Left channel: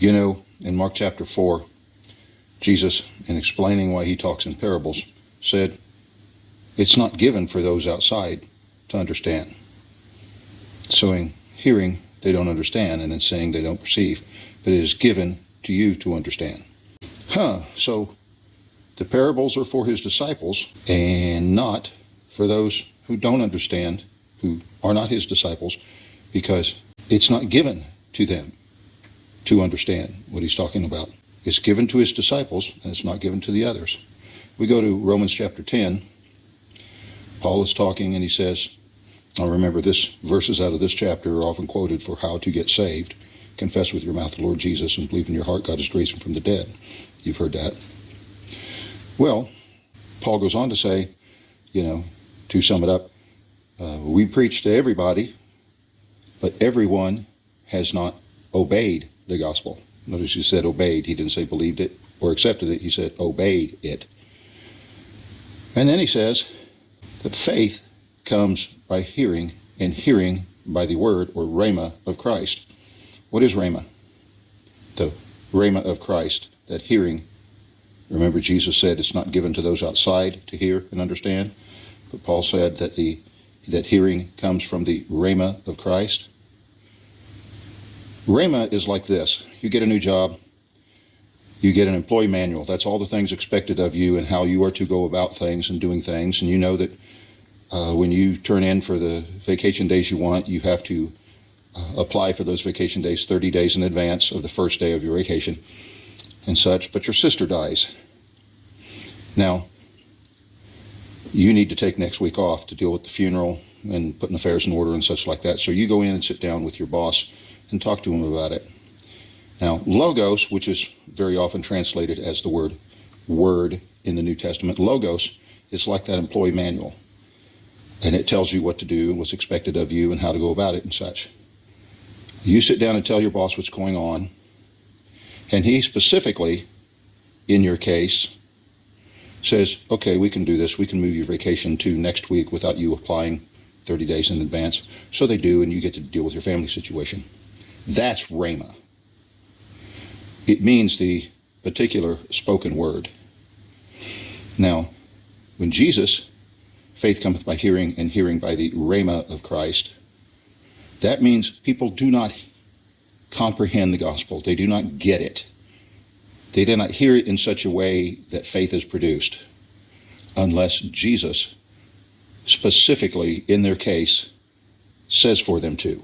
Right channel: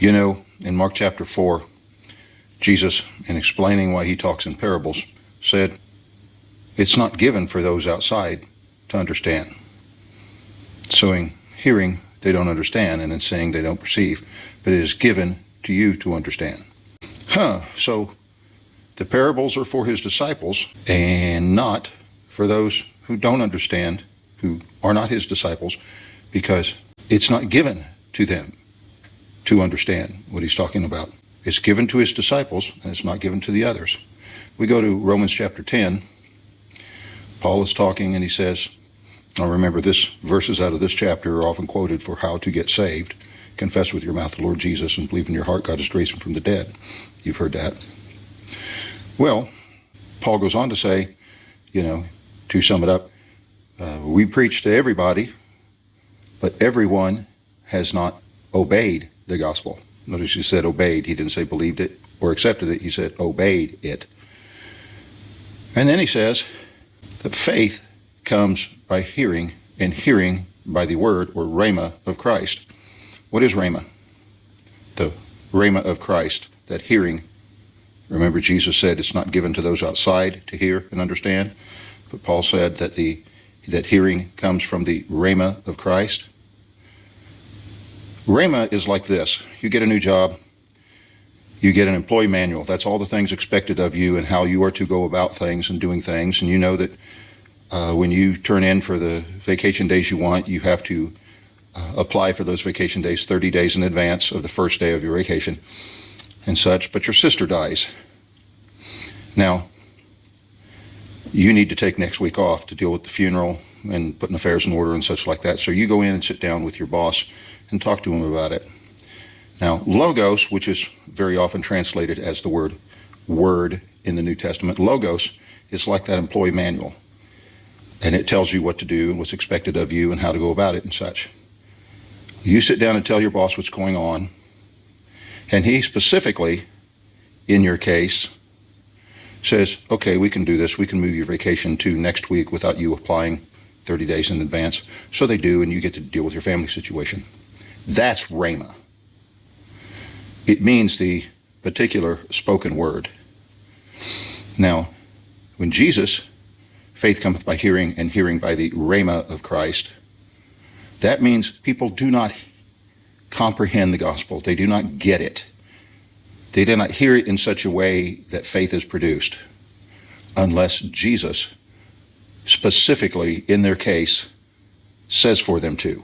You know, in Mark chapter 4, Jesus, in explaining why he talks in parables, said, it's not given for those outside to understand. So in hearing, they don't understand, and in saying, they don't perceive. But it is given to you to understand. So the parables are for his disciples and not for those who don't understand, who are not his disciples, because it's not given to them to understand what he's talking about. It's given to his disciples, and it's not given to the others. We go to Romans chapter 10. Paul is talking, and he says, I remember this, verses out of this chapter are often quoted for how to get saved. Confess with your mouth the Lord Jesus and believe in your heart God has raised him from the dead. You've heard that. Well, Paul goes on to say, to sum it up, we preach to everybody, but everyone has not obeyed the gospel. Notice he said obeyed. He didn't say believed it or accepted it. He said obeyed it. And then he says that faith comes by hearing, and hearing by the word or rhema of Christ. What is rhema? The rhema of Christ, that hearing. Remember, Jesus said it's not given to those outside to hear and understand. But Paul said that that hearing comes from the rhema of Christ. Rhema is like this. You get a new job, you get an employee manual. That's all the things expected of you and how you are to go about things and doing things. And you know that when you turn in for the vacation days you want, you have to apply for those vacation days 30 days in advance of the first day of your vacation and such. But your sister dies. Now, you need to take next week off to deal with the funeral and putting affairs in order and such like that. So you go in and sit down with your boss and talk to him about it. Now, logos, which is very often translated as the word in the New Testament, logos is like that employee manual. And it tells you what to do and what's expected of you and how to go about it and such. You sit down and tell your boss what's going on. And he specifically, in your case, says, okay, we can do this. We can move your vacation to next week without you applying 30 days in advance. So they do, and you get to deal with your family situation. That's rhema. It means the particular spoken word. Now, when Jesus, faith cometh by hearing, and hearing by the rhema of Christ, that means people do not comprehend the gospel. They do not get it. They do not hear it in such a way that faith is produced unless Jesus, specifically in their case, says for them to.